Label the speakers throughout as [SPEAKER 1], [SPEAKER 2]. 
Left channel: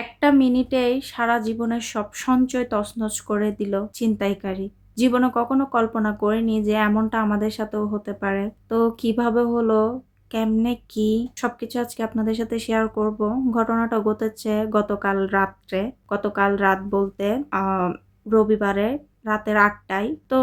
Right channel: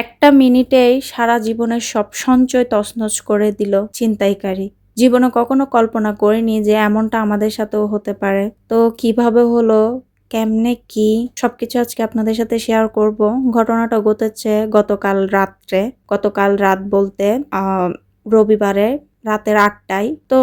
[SPEAKER 1] একটা মিনিটেই সারা জীবনের সব সঞ্চয় তছনছ করে দিল চিন্তাইকারী জীবনে কখনো কল্পনা করিনি যে এমনটা আমাদের সাথেও হতে পারে। তো কীভাবে হলো? কেমনে কি? সবকিছু আজকে আপনাদের সাথে শেয়ার করব। ঘটনাটা ঘটেছে গতকাল রাত্রে। গতকাল রাত বলতে রবিবারে রাতের আটটায়। তো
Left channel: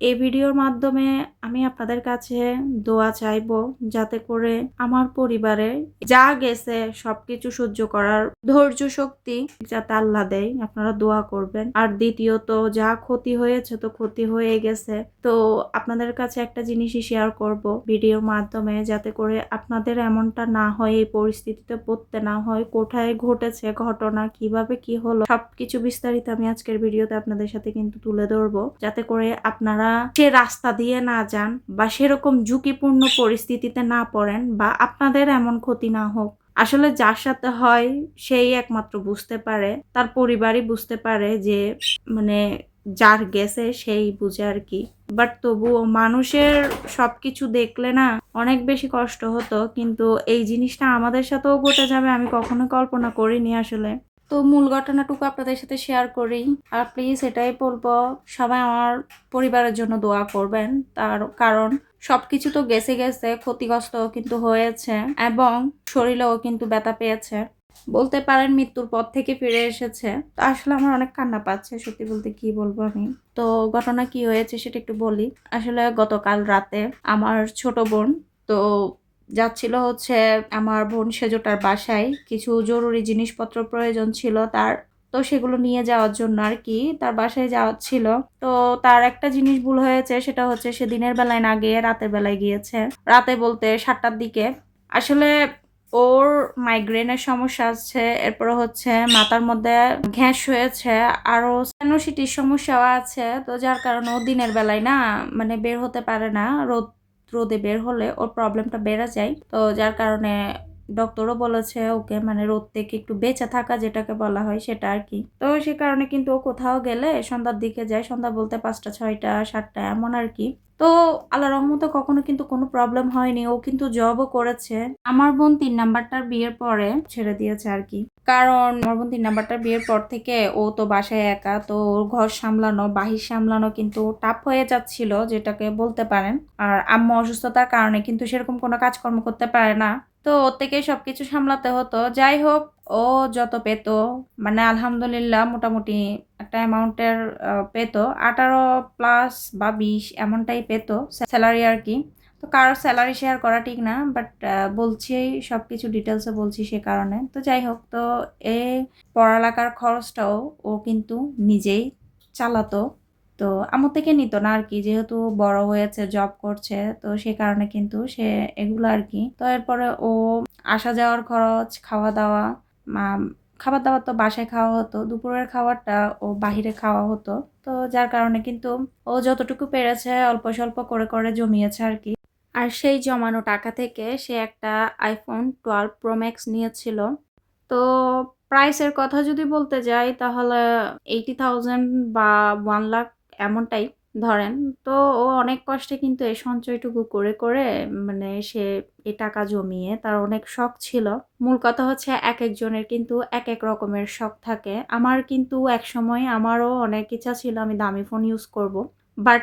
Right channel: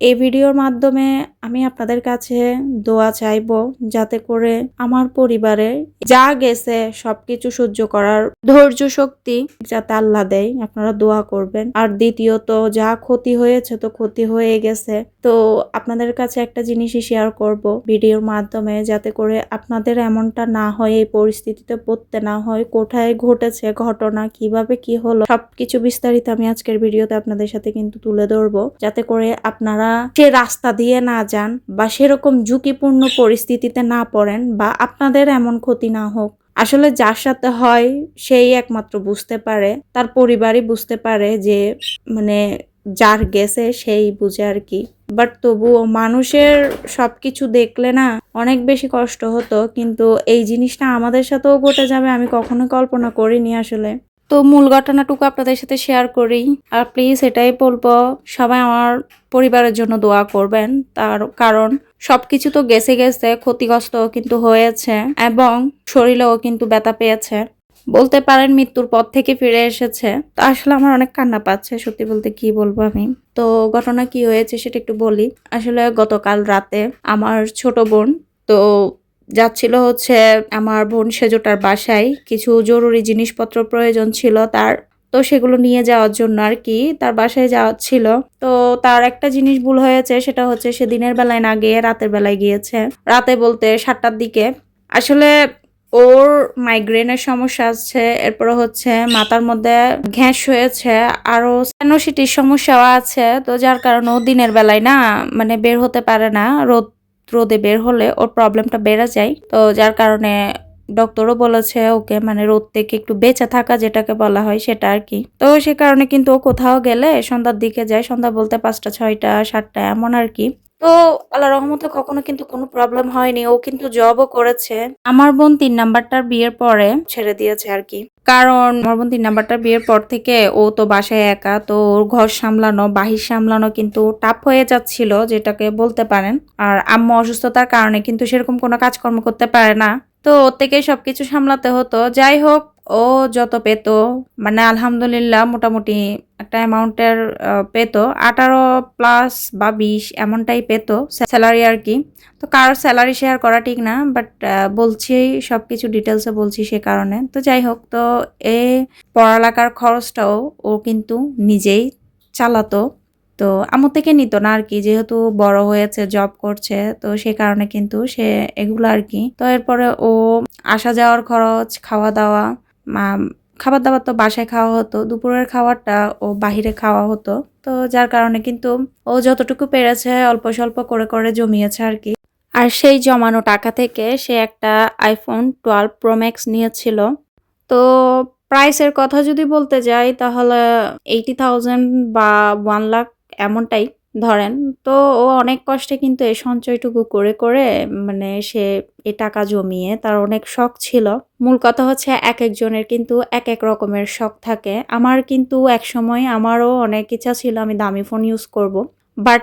[SPEAKER 1] এই ভিডিওর মাধ্যমে আমি আপনাদের কাছে দোয়া চাইব যাতে করে আমার পরিবারে যা গেছে সবকিছু সহ্য করার ধৈর্য শক্তি যাতে আল্লাহ দেয়, আপনারা দোয়া করবেন। আর দ্বিতীয়ত, যা ক্ষতি হয়েছে তো ক্ষতি হয়ে গেছে। তো আপনাদের কাছে একটা জিনিসই শেয়ার করব ভিডিওর মাধ্যমে যাতে করে আপনাদের এমনটা না হয়, এই পরিস্থিতিতে পড়তে না হয়, কোথায় ঘটেছে, ঘটনা, কীভাবে কি হলো, সবকিছু বিস্তারিত আমি আজকের ভিডিওতে আপনাদের সাথে কিন্তু তুলে ধরবো। যাতে করে আপনারা সে রাস্তা দিয়ে না যান বা সেরকম ঝুঁকিপূর্ণ পরিস্থিতিতে না পড়েন বা আপনাদের এমন ক্ষতি না হোক। আসলে যার সাথে হয় সেই একমাত্র বুঝতে পারে, তার পরিবারই বুঝতে পারে যে মানে যার গেছে সেই বুঝে আর কি। বাট তবুও মানুষের সবকিছু দেখলে না অনেক বেশি কষ্ট হতো। কিন্তু এই জিনিসটা আমাদের সাথেও ঘটে যাবে আমি কখনো কল্পনা করিনি আসলে। তো মূল ঘটনাটুকু আপনাদের সাথে শেয়ার করি। আর প্লিজ এটাই বলব, সবাই আমার পরিবারের জন্য দোয়া করবেন। তার কারণ সবকিছু তো গেছে গেছে ক্ষতিগ্রস্ত কিন্তু হয়েছে এবং শরীরেও কিন্তু ব্যথা পেয়েছে। বলতে পারেন মৃত্যুর পর থেকে ফিরে এসেছে। তো আসলে আমার অনেক কান্না পাচ্ছে, সত্যি বলতে কি বলব আমি। তো ঘটনা কি হয়েছে সেটা একটু বলি। আসলে গতকাল রাতে আমার ছোট বোন, তো যাচ্ছিল হচ্ছে আমার বোন সেজোটার বাসায়। কিছু জরুরি জিনিসপত্র প্রয়োজন ছিল তার। তো সেগুলো নিয়ে যাওয়ার জন্য আর কি তার বাসায় যাওয়া ছিল। তো তার একটা জিনিস ভুল হয়েছে, সেটা হচ্ছে সে দিনের বেলায় না গিয়ে রাতের বেলায় গিয়েছে। রাতে বলতে সাতটার দিকে। আসলে ওর মাইগ্রেনের সমস্যা আছে, এরপরে হচ্ছে মাথার মধ্যে ঘ্যাস হয়েছে আরও স্যানোসিটির সমস্যাও আছে। তো যার কারণে ও দিনের বেলায় না মানে বের হতে পারে না। রোদ রোদে বের হলে ওর প্রবলেমটা বেড়ে যায়। তো যার কারণে ডক্টরও বলেছে ওকে মানে রোদ থেকে একটু বেঁচে থাকা যেটাকে বলা হয় সেটা আর কি। তো সে কারণে কিন্তু ও কোথাও গেলে সন্ধ্যার দিকে যায়, সন্ধ্যা বলতে পাঁচটা, ছয়টা, সাতটা এমন আর কি। তো আল্লাহ রহমতে কখনো কিন্তু কোনো প্রবলেম হয়নি। ও কিন্তু জবও করেছে। আমার বোন তিন নাম্বারটার বিয়ের পরে ছেড়ে দিয়েছে আর কি। কারণ আমার বোন তিন নাম্বারটার বিয়ের পর থেকে ও তো বাসায় একা, তো ওর ঘর সামলানো, বাহির সামলানো কিন্তু টাফ হয়ে যাচ্ছিল, যেটাকে বলতে পারেন। আর আম্মু অসুস্থতার কারণে কিন্তু সেরকম কোনো কাজকর্ম করতে পারে না। তো ওর থেকে সব কিছু সামলাতে হতো। যাই হোক, ও যত পেত মানে আলহামদুলিল্লাহ মোটামুটি একটা অ্যামাউন্টের পেত। আঠারো প্লাস বা বিশ এমনটাই পেত স্যালারি আর কি। তো কারোর স্যালারি শেয়ার করা ঠিক না বাট বলছি সব কিছু ডিটেলসে বলছি সে কারণে। তো যাই হোক, তো এ পড়ালেখার খরচটাও ও কিন্তু নিজেই চালাতো। তো আমার থেকে নিত না আর কি যেহেতু বড় হয়েছে জব করছে, তো সে কারণে কিন্তু সে এগুলো আর কি তো এরপরে ও আসা যাওয়ার খরচ খাওয়া দাওয়া খাবার দাবার তো বাসায় খাওয়া হতো, দুপুরের খাবারটা ও বাহিরে খাওয়া হতো। তো যার কারণে কিন্তু ও যতটুকু পেরেছে অল্প স্বল্প করে করে জমিয়েছে আর কি আর সেই জমানো টাকা থেকে সে একটা আইফোন টুয়েলভ প্রো ম্যাক্স নিয়েছিল। তো প্রাইসের কথা যদি বলতে যাই, তাহলে এইটি থাউজেন্ড বা ওয়ান লাখ এমনটাই। ধরেন, তো ও অনেক কষ্টে কিন্তু এই সঞ্চয়টুকু করে করে মানে সে এ টাকা জমিয়ে তার অনেক শখ ছিল। মূল কথা হচ্ছে এক একজনের কিন্তু এক এক রকমের শখ থাকে। আমার কিন্তু এক সময় আমারও অনেক ইচ্ছা ছিল আমি দামি ফোন ইউজ করব। বাট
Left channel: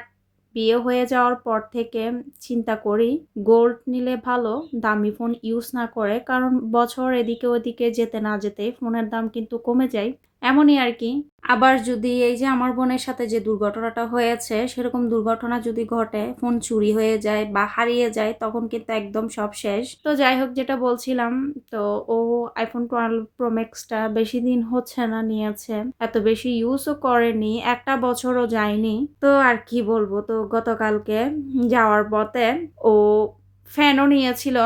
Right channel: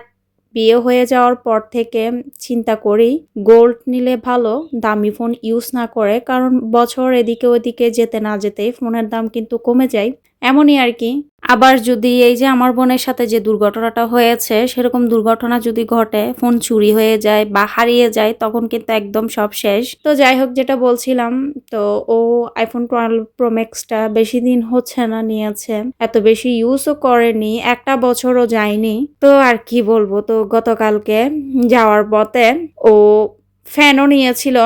[SPEAKER 1] বিয়ে হয়ে যাওয়ার পর থেকে চিন্তা করি গোল্ড নিলে ভালো, দামি ফোন ইউজ না করে, কারণ বছর এদিকে ওদিকে যেতে না যেতেই ফোনের দাম কিন্তু কমে যায়। এমনই আর কি। আবার যদি এই যে আমার বোনের সাথে যে দুর্ঘটনাটা হয়েছে, সেরকম দুর্ঘটনা যদি ঘটে, ফোন চুরি হয়ে যায় বা হারিয়ে যায়, তখন কিন্তু একদম সব শেষ। তো যাই হোক, যেটা বলছিলাম, তো ও আইফোন টুয়েলভ প্রো ম্যাক্সটা বেশি দিন হচ্ছে না, নিয়েছে। এত বেশি ইউজও করেনি, একটা বছরও যায়নি। তো আর কি বলব, তো গতকালকে যাওয়ার পথে ও ফ্যানও নিয়েছিল।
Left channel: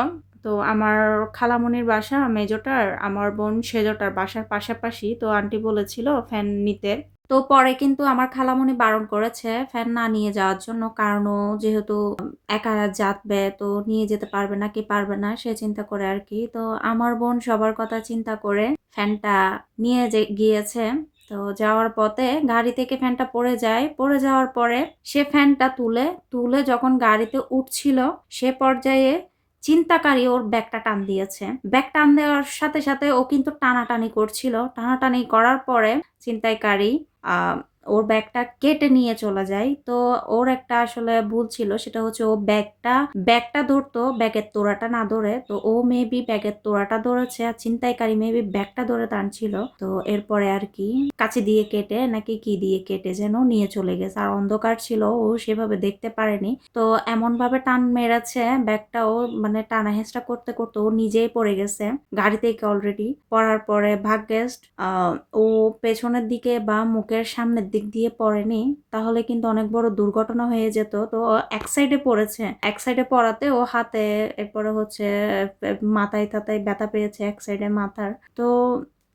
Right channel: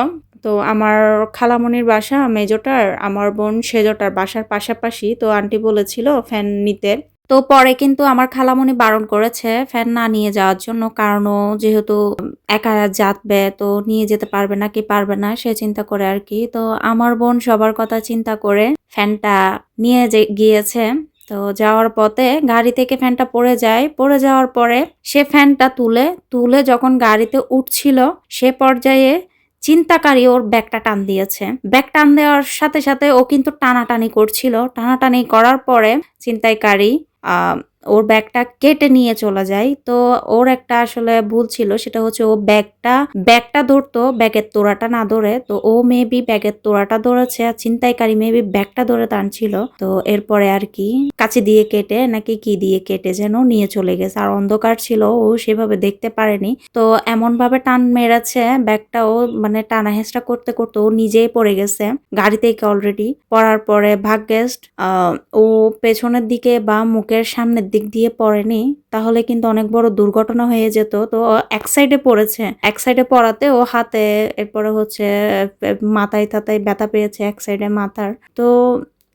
[SPEAKER 1] তো আমার খালামণির বাসা, মেজোটার, আমার বোন সেজোটার বাসার পাশাপাশি, তো আন্টি বলেছিল ফ্যান নিতে। তো পরে কিন্তু আমার খালামণি বারণ করেছে ফ্যান না নিয়ে যাওয়ার জন্য, কারণ যেহেতু একা যাতবে তো নিয়ে যেতে পারবে না, কি পারবে না, সে চিন্তা করে আর কি। তো আমার বোন সবার কথা চিন্তা করে ফ্যানটা নিয়ে যে গিয়েছে। তো যাওয়ার পথে গাড়ি থেকে ফ্যানটা পড়ে যায়। পড়ে যাওয়ার পরে সে ফ্যানটা তুলে তুলে যখন গাড়িতে উঠছিল, সে পর্যায়ে চিন্তাকারী ওর ব্যাগটা টান দিয়েছে। ব্যাগ টান দেওয়ার সাথে সাথে ও কিন্তু টানাটানি করছিল। টানাটানি করার পরে চিন্তাইকারী ওর ব্যাগটা কেটে নিয়ে চলে যায়। তো ওর একটা আসলে ভুল ছিল, সেটা হচ্ছে ও ব্যাগটা ব্যাগটা ধরতো, ব্যাগের তোড়াটা না ধরে। তো ও মেবি ব্যাগের তোড়াটা ধরেছে আর ছিনতাইকারী মেবি ব্যাগটা ধরে টানছিল তো এরপরে আর কি কাছে দিয়ে কেটে নাকি কি দিয়ে কেটে যেন নিয়ে চলে গেছে। আর অন্ধকার ছিল, ও সেভাবে দেখতে পারেনি। তো এমন ভাবে টান মেরেছে ব্যাগটা ও মানে টানা হেঁচড়া করতে করতে ও নিজেই পড়ে গেছে গাড়ি থেকে অলরেডি পড়ার পরে ভাগ্যেস্ট ও পেছনের দিকে বা মুখের সামনের দিক দিয়ে পড়েনি, তাহলে কিন্তু অনেক বড় দুর্ঘটনা হয়ে যেত। তো এক সাইডে পড়েছে, এক সাইডে পড়াতে ও হাতে এরপরে হচ্ছে মাথায় তাতায় ব্যথা পেয়েছে এক সাইডে মাথার। তো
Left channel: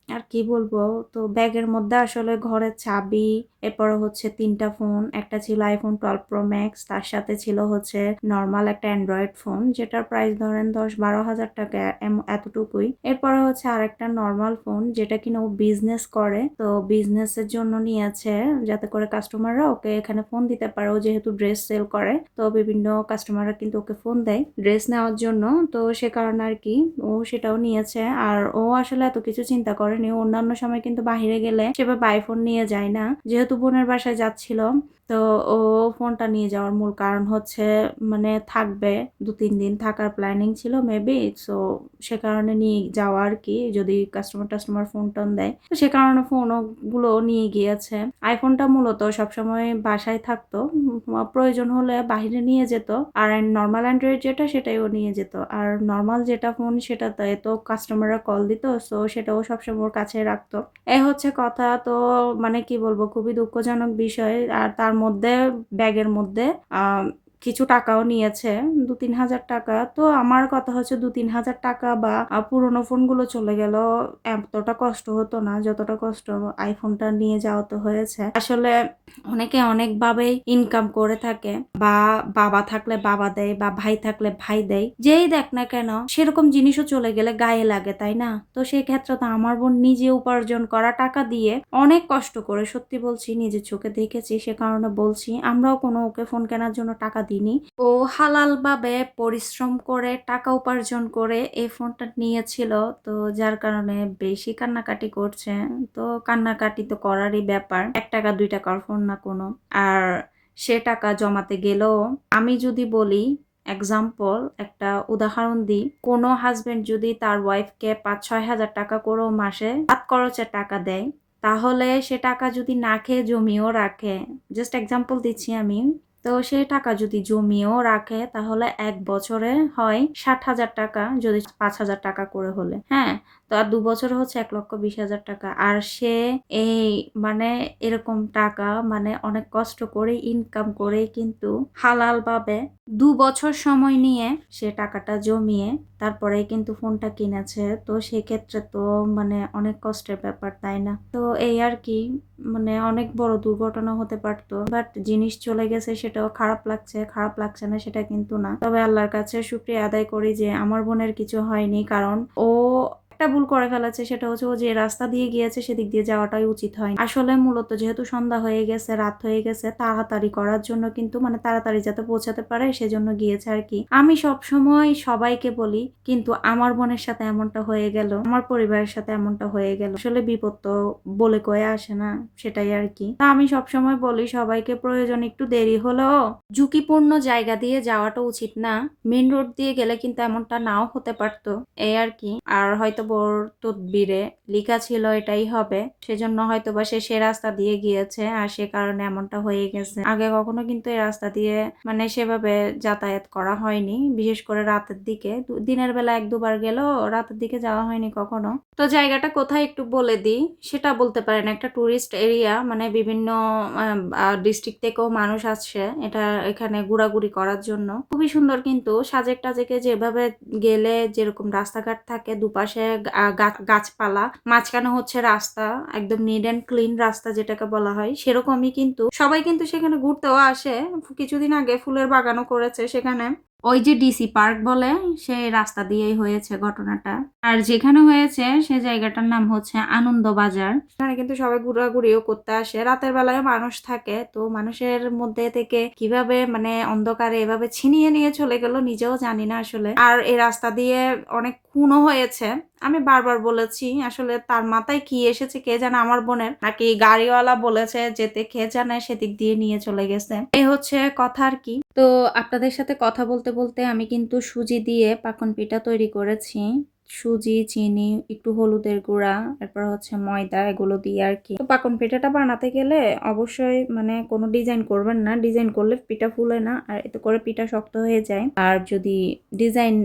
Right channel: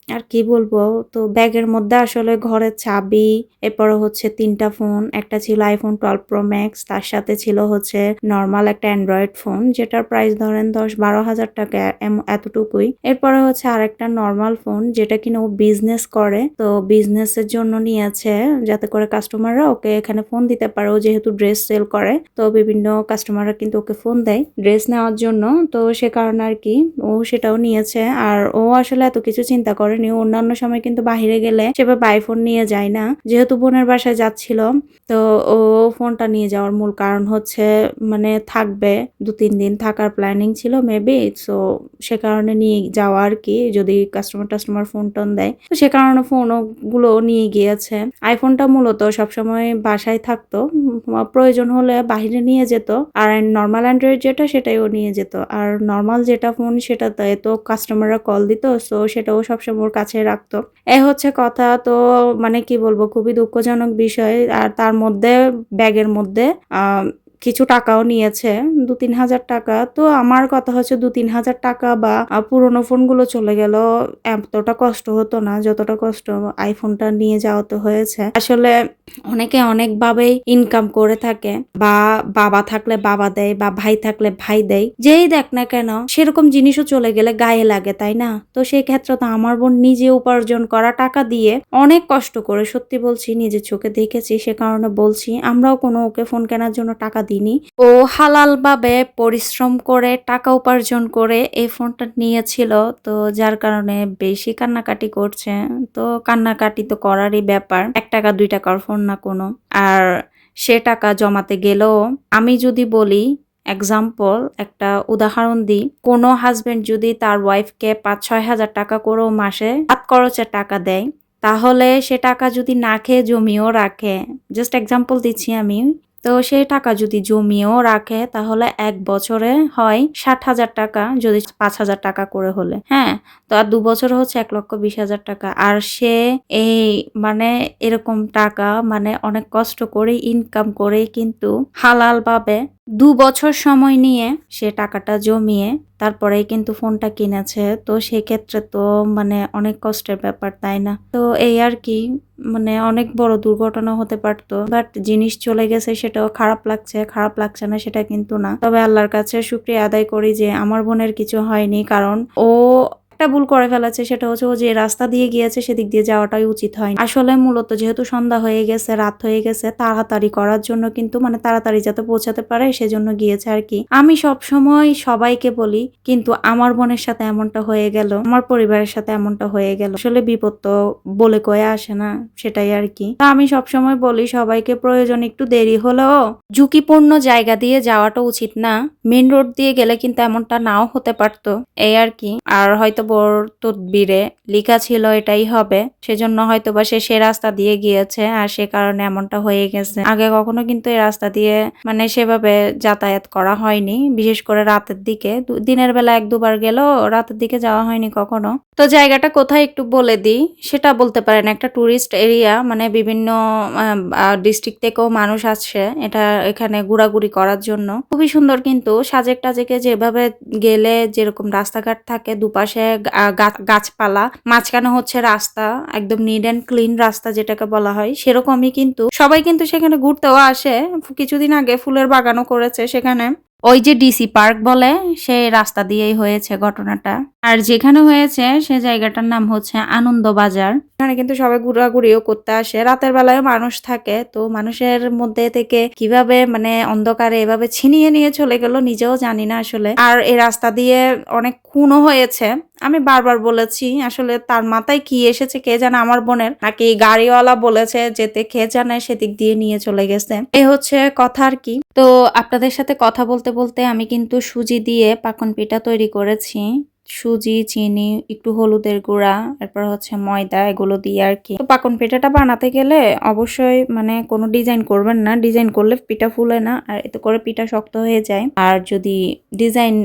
[SPEAKER 1] আর কি বলব? তো ব্যাগের মধ্যে আসলে ঘরের চাবি, এরপর হচ্ছে তিনটা ফোন, একটা ছিল আইফোন টুয়েলভ প্রো ম্যাক্স তার সাথে ছিল হচ্ছে নর্মাল একটা অ্যান্ড্রয়েড ফোন যেটার প্রাইস ধরেন দশ বারো হাজার টাকা এতটুকুই। এরপরে হচ্ছে আরেকটা নর্মাল ফোন যেটা কিনা ও বিজনেস করে, তো বিজনেসের জন্য নিয়েছে যাতে করে কাস্টমাররা ওকে এখানে ফোন দিতে পারে। ও যেহেতু ড্রেস সেল করে, তো বিভিন্ন কাস্টমাররা কিন্তু ওকে ফোন দেয় ড্রেস নেওয়ার জন্য। তো সে কারণে আর কি ও সেটাও নিয়েছে। আর ও আসলে এত কিছু চিন্তা করেনি ও অন্যান্য সময় কিন্তু বাইরে গেলে সেভাবে আইফোন নিয়ে যায় না। যেহেতু বোনের বাসায় যাচ্ছিল, তো ও ফোনটা নিয়ে যাওয়ার মূল কারণ হচ্ছে মানে থাকবে দু তিন দিন থাকার প্ল্যানিং ছিল মেবি সো সে কারণে নিয়ে যাওয়া আর কি, যদি কাস্টমার টাস্টমার ফোন টোন দেয়। তো সে কারণে ফোনগুলো নিয়ে গিয়েছে। আইফোনটা মূলত সবসময় বাসায় থাকতো প্রয়োজন হলে বাহিরে নিয়ে যেত, আর নর্মাল অ্যান্ড্রয়েড যেটা সেটাই ও নিয়ে যেত। আর নর্মাল যেটা ফোন সেটাতে তো কাস্টমাররা কল দিত সো সেটাও সবসময় ওর কাছে রাখতো। এ হচ্ছে কথা, তো মানে কি বলব, খুবই দুঃখজনক বিষয়। আর তার মধ্যে, ব্যাগের মধ্যে কিছু টাকাও নিয়েছে, দু তিন হাজার টাকা। তো আমার কথা হচ্ছে দু তিন হাজার টাকা বা পুরোনো ফোনগুলো চলে গেল, এতটা কষ্ট হতো না, যতটা কষ্ট আইফোনটা নিয়ে যাওয়াতে হয়েছে। আসলে অনেকে অনেকভাবেই ইনকাম করে থাকে, বা বাবা থাকলে বাবা দেয়, বা ভাই থাকলে ভাই দেয়। যেই দেখ না কেন, সেরকম জিনিসও চলে গেলে গায়ে লাগে, তাই না? তো সেই ক্ষেত্রে তো আমার বোন নিজে উপার্জন করা টাকা দিয়ে অনেক কষ্ট করে, সত্যি বলছি, নিজের চোখে দেখেছি, সে কারণে বলছি, আমরাও কোনো ওকে ফোন কেনার জন্য টাকা দিইনি ও হালাল ভাবে পরিশ্রম করে, টাকা উপার্জন করে এই ফোনটা নিয়েছিল। তো যার কারণে বেশি কান্নাকাটি করছে। তো কান্নাকাটি তো করারই ব্যাপার। এক টাকা, দুই টাকার ফোন না কোনো। আর সে টাকা জমাতে গেলেও আমি যদি বলি এক্সাম্পল একটা উদাহরণ দিই। কোনো হাজবেন্ড যদি তার ওয়াইফকে পাঁচ ছয় হাজার টাকা করেও মাসে হাত খরচের টাকা দেয়, তাহলে সে টাকা যদি না খেয়ে জমিও রাখে জাস্ট এক্সাম্পল দিচ্ছি আমি তো সেই টাকা যদি জমিয়েও রাখে, তাহলে এক বছরে হয় ষাট হাজার টাকা, যদি পাঁচ হাজার টাকা করে হলে। হ্যাঁ তো আর দু বছর হচ্ছে এক লক্ষ বিশ হাজার টাকা। আর সে এই মানে এরকম টাকা মানে অনেক কষ্ট করে ইনকাম করে কিন্তু হালাল ভাবে দু বছর সময় নিয়ে সে টাকাটা জমিয়ে তারপরে কিন্তু ফোনটা কিনেছে। তো সেক্ষেত্রে তো মানে অনেক কষ্টের ব্যাপার, তাই না? তো এই আর কি মানে অনেক বড় দুর্ঘটনা হতে পারতো। বাট জিনিস চলে গেছে সেটাও খারাপ লাগছে খারাপ লাগছে না সেটা কিন্তু না। তবে আল্লাহর কাছে শুক্রিয়া আদায় করি যে আমার বোনের কিছু হয়নি, কারণ ও একটা ভুল করে ফেলেছে, সেটা হচ্ছে ও যে রাস্তা দিয়ে গিয়েছে সেদিক দিয়ে যাওয়াটাই উচিত হয় আসলে মূলত যেহেতু সন্ধ্যা হয়ে গেছে, রাত হয়ে গেছে, তাড়াতাড়ি করার জন্য কিন্তু মানে তাড়াতাড়ি যাতে পৌঁছাতে পারে সেজন্য গিয়েছে আর কি। আমি সব সময় সবাইকে বলি, কিন্তু আমার বোনের সাথে এমনটা হয়ে গেল, আমার পরিবারের সাথে এমনটা হয়ে গেল। আসলে বিপদ তো বলে কয়ে আসে না, সেটাই আর কি। তা আমি সব সময় বলি, সবাইকে প্রয়োজন একটু দেরি হলেও ঝুঁকিপূর্ণ জায়গা দিয়ে যাওয়াটা উচিত না। মেন রোড দিয়ে গেলে কিন্তু এমনটা নাও হতে পারতো, এই আর কি। আর হয়তো বোর তদবিরে লেখা ছিল, এটাই হবে। সেজন্য হয়তো বা সে সে রাস্তা দিয়ে গিয়েছে আর সে কারণে এমনটা হয়ে গেছে। আগে কখনো কিন্তু এই রাস্তা দিয়ে মানে সেভাবে যাতায়াত করা হয়নি, বিশেষ করে রাতের দিকে। দিনের বেলা এক দুবার গেলেও রাতের দিকে যাওয়া হয়নি কখনো। তো জায়গাটা কোথায় একটু বলে দিই? সেটা বলতে পারেন, একটা টুরিস্ট এরিয়া মানে বিভিন্ন ডিস্ট্রিক্ট থেকেও মানুষ আসছে এটা এখানে ঘোরাঘুরি করার জন্য। খুবই সুন্দর কিন্তু সাজেক টাজেকে যেভাবে গেলে যেরকম রাস্তাঘাট থাকে, দুপাশে গাছপালা, মাঝখানে হচ্ছে রাস্তা, একদম নিট অ্যান্ড ক্লিন রাস্তা যেটাকে বলা হয়, সেরকমই কিন্তু সবাই কিন্তু সেখানে ঘুরতেও আসে। কিছুদিন আগে ফুলের বাগানও করেছে সেখানে। ওই যে ডিসি পার্ক বলে, সেই রাস্তা দিয়েই হয়েছে ঘটনাটা। আর যেখানে হয়েছে, সে জায়গাটার নাম হচ্ছে আনন্দ বাজার। এখানে কিন্তু সবাই ঘোরাঘুরিও করতে আসে। রাতের বেলায় মানুষ থাকে, তো মানুষের মধ্যে থেকে কীভাবে মানে অন্ধকারে এভাবে ছিনিয়ে নিয়ে চলে গেল নিজেও জানি না আসলে। আর এই রাস্তা দিয়ে অনেক খুনও হয়েছে। আমি বারবার বলেছি, আসলে তার মাথায় কি এসেছে কে জানে আমার বোনের, নাকি গাড়িওয়ালা বলেছে যেতে কে জানে সেদিক দিয়ে নিয়ে চলে গেছে। এ হচ্ছে কথা আর কি। তো আপনাদের সাথে কথা বলতে বলতে আমি কিন্তু সুজি দিয়ে পাকন পিঠা তৈরি করেছি। সুজি, চিনি, একটু হলুদের গুঁড়া, এরপর হচ্ছে ময়দা, এগুলো দিয়ে আর কি। পাকন পিঠাটা বানাতে গেলে অবশ্যই মানে কোনো ডিজাইন করবেন না। ডিজাইন করলে পিঠা ফুলে না, আর এতে করে পিঠা শক্ত হয়ে যায়। আর যদি ডিজাইন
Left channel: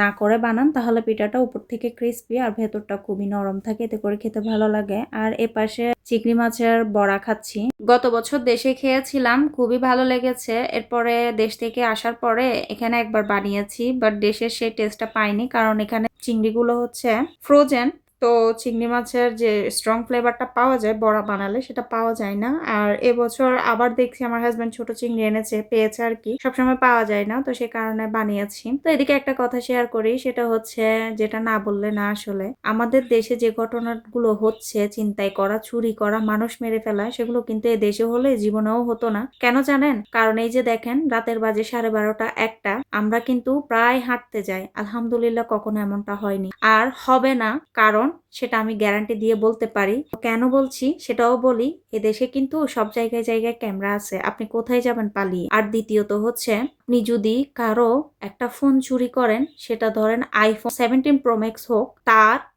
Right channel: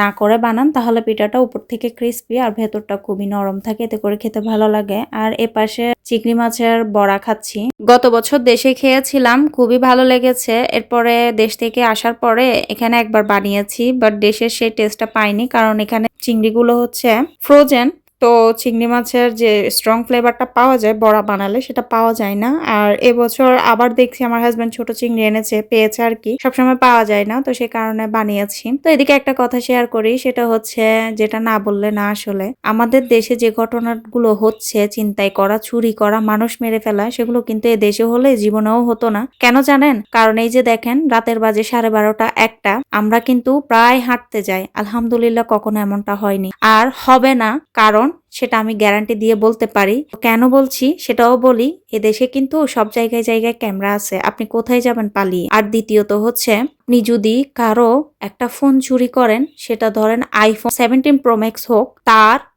[SPEAKER 1] না করে বানান, তাহলে পিঠাটা উপর থেকে ক্রিস্পি আর ভেতরটা খুবই নরম থাকে, এতে করে খেতে ভালো লাগে। আর এ পাশে চিংড়ি মাছের বড়া খাচ্ছি। গত বছর দেশে খেয়েছিলাম, খুবই ভালো লেগেছে। এরপরে দেশ থেকে আসার পরে এখানে একবার বানিয়েছি বাট দেশের সেই টেস্টটা পাইনি, কারণ এখানে চিংড়িগুলো হচ্ছে ফ্রোজেন তো চিংড়ি মাছের যে স্ট্রং ফ্লেভারটা পাওয়া যায় বড়া বানালে, সেটা পাওয়া যায় না। আর এবছর আবার দেখছি আমার হাজব্যান্ড ছোট চিংড়ি এনেছে, পেয়েছে আর কি। সবসময় পাওয়া যায় না, তো সে কারণে বানিয়েছি। তো এদিকে একটা কথা শেয়ার করি, সেটা হচ্ছে যেটা না বললে না আসলে, আমাদের দেশে যে ঘটনাগুলো হচ্ছে, চিন্তাই করা, চুরি করা, মানুষ মেরে ফেলা, সেগুলো কিন্তু এ দেশে হলে জীবনেও হতো না। কেন জানেন? কারণ এই যে দেখেন, রাতের বাজে সাড়ে বারোটা একটা, আমরা কিন্তু প্রায় হাঁটতে যাই। আলহামদুলিল্লাহ কখনো এমনটা হয়নি। আর হবে না, কারণ সেটা আমি গ্যারান্টি দিয়ে বলতে পারি। কেন বলছি? সেটাও বলি এদেশে কিন্তু সব জায়গায় জায়গায় ক্যামেরা আছে। আপনি কোথায় যাবেন পালিয়ে? আর দ্বিতীয়ত হচ্ছে, আপনি যদি কারও একটা ফোন চুরি করেন, সেটা ধরেন আইফোন সেভেন্টিন প্রোম্যাক্স হোক, তার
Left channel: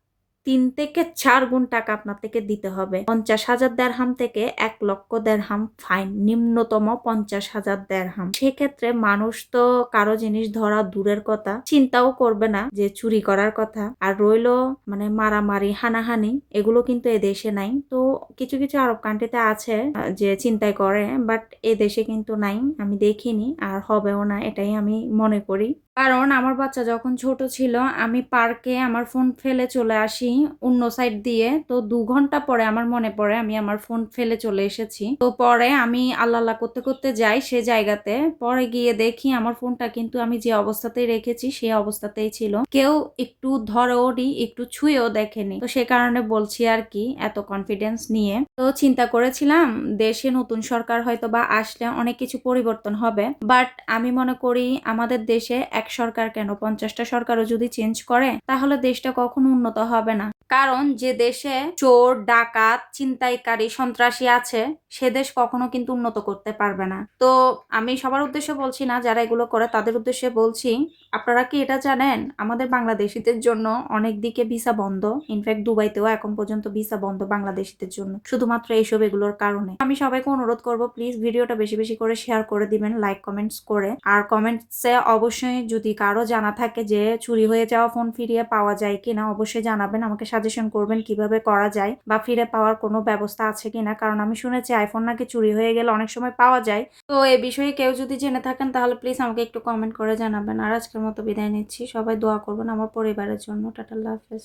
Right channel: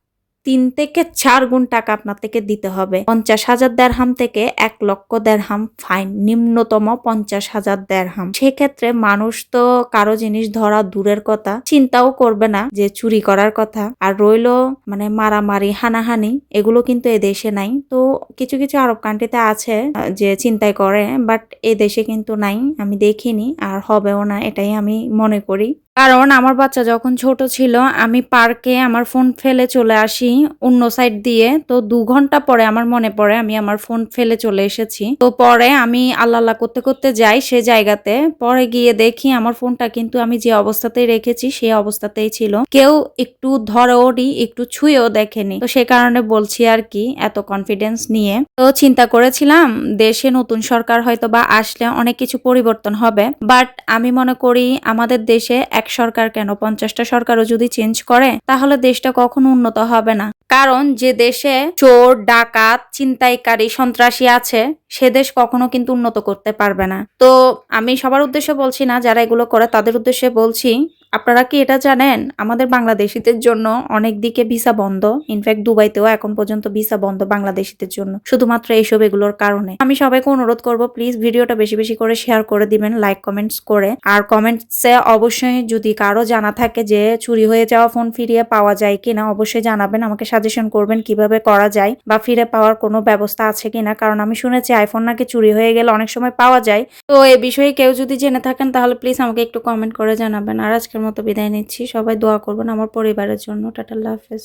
[SPEAKER 1] তিন থেকে চার গুণ টাকা আপনার থেকে দিতে হবে। পঞ্চাশ হাজার দেড়হাম থেকে এক লক্ষ দেড়হাম ফাইন, নিম্নতম পঞ্চাশ হাজার দেড়হাম। সেক্ষেত্রে মানুষ তো কারও জিনিস ধরা দূরের কথা, চিন্তাও করবে না যে চুরি করার কথা। আর রইল মানে মারামারি, হানাহানি, এগুলো কিন্তু এ দেশে নাই। তো কিছু কিছু আরব কান্ট্রিতে আছে যে চিন্তাই করে বাট এ দেশে কিন্তু নাই, আমি দেখিনি, আর হবেও না, এটাই আমি মনে করি। কারণ আমার বাচ্চা যখন ছোট ছিল, আমি পার্কে আমার ফোন ফেলে চলে আসি অন্য সাইড দিয়ে। তো দু ঘণ্টা পরে আমার মনে পড়ে আমি আমার ফোন ফেলে চলে এসেছি। তো পরে আমি আল্লাহ আল্লাহ করতে করতে যাই সে জায়গাতে। পরে গিয়ে দেখি আমার ফোনটা কিন্তু আমি যে অবস্থাতেই রেখেছি সেই অবস্থাতেই ছিল। কেউ একটু ধরেওনি একটু ছুঁয়েও দেখেনি। তো সে কারণে বলছি আর কি, এত কনফিডেন্স নিয়ে। তো চিন্তা করেছিলাম, দেশে নতুন সরকার হয়তো বা আসলে অনেক কিছু পরিবর্তন হবে। বাট আমি মনে করি আমাদের দেশে এক সরকার কেন? পঞ্চাশটা সরকারও যদি চেঞ্জ করে, তাহলে দেশটা কখনো উন্নত হবে না। কারণ যে দেশে চোর, ডাকাত চিন্তাইকারী সন্ত্রাসী আছে, সে দেশ কখনো কিন্তু উন্নত করতে পারবে না। তো আমি সবার উদ্দেশ্যে বলছি না, যারা এগুলো করে, তাদের উদ্দেশ্যে বলছি আপনারা কি এটা জানেন? আমাদের বাংলাদেশিদের জন্য অনেক দিকে ভিসা বন্ধ। ইনফ্যাক্ট দুবাইতেও এখন পর্যন্ত ভিসা বন্ধ বাংলাদেশিদের জন্য। শুধুমাত্র এইসব এগুলোর কারণে। আমি সবাইকে অনুরোধ করব প্লিজ ভিডিওটা বেশি বেশি করে শেয়ার করে দিবেন লাইক কমেন্টস করে। আর কমেন্টসে অবশ্যই যদি কারও জানা থাকে যে চুরি হয়ে যাওয়া ফোন ফিরিয়ে পাওয়া যায় কিনা, অবশ্যই জানাবেন, আমাকে সাজেশন করবেন কীভাবে করা যায় বা ফিরে পাওয়ার কোনো ব্যবস্থা আছে কিনা। কারণ আমি শুনেছি আইফোন নাকি চুরি হয়ে গেলে অনেক সময় পাওয়া যায়। তো এ বিষয়ে কেউ যদি জেনে থাকেন, তাহলে প্লিজ আমাকে একটু কমেন্ট করে জানাবেন। আর আজকের মতো বিদায় নিচ্ছি। সবাই দোয়া করবেন আমার পরিবারের জন্য। টাটা হাফেজ।